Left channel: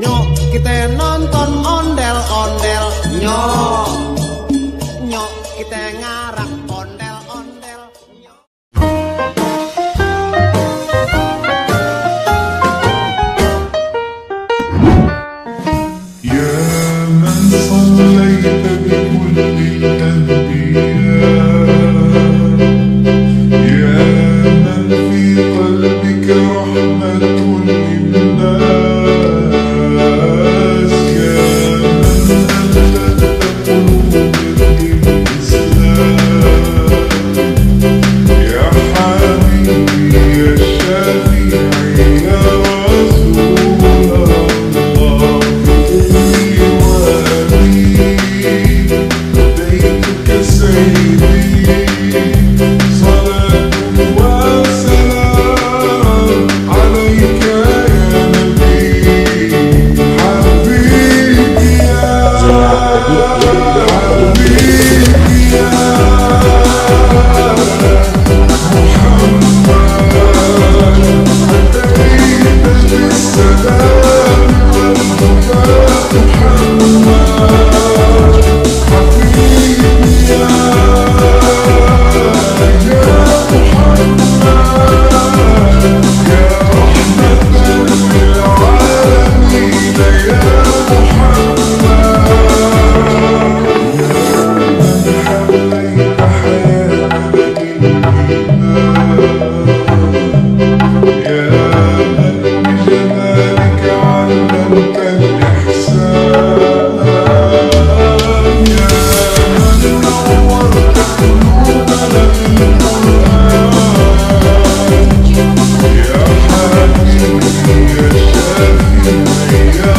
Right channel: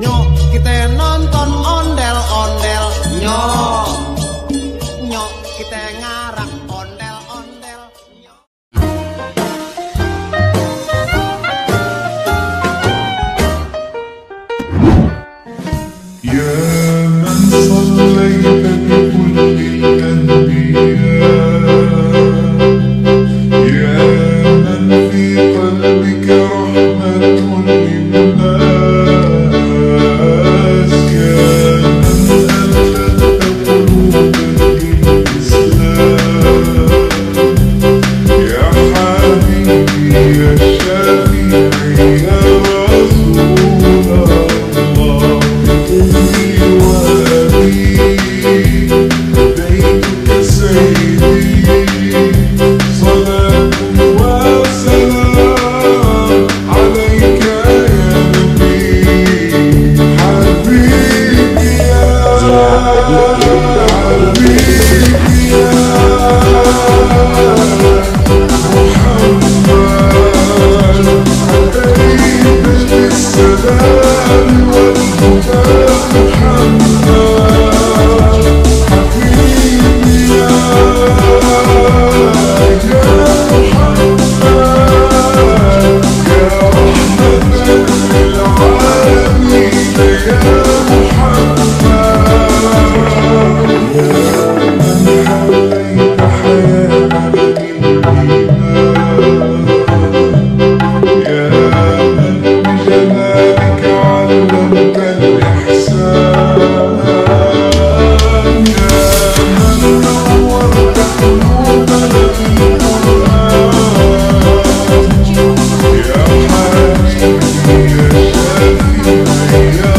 Nyok kita nonton ondel-ondel. Nyok kita ngarak ondel-ondel. يا من صليت بكل الأنبياء، يا من في قلبك رحمة للناس، يا من ألفت قلوبا للإسلام، يا حبيبي يا شافعي يا رسول الله، أمي وأبي فديتك سيدي، صلاة وسلام عليك يا نبي، حبيبي يا حبيبي يا محمد، أتيت بالسلام والهدى محمد، حبيبي يا محمد، يا رحمة للعالمين يا محمد، يا من حليت حياتنا بالإيمان، يا من بجمالك علمت الإحسان، يا من نورت قلوبنا بالقرآن، يا حبيبي يا شافعي يا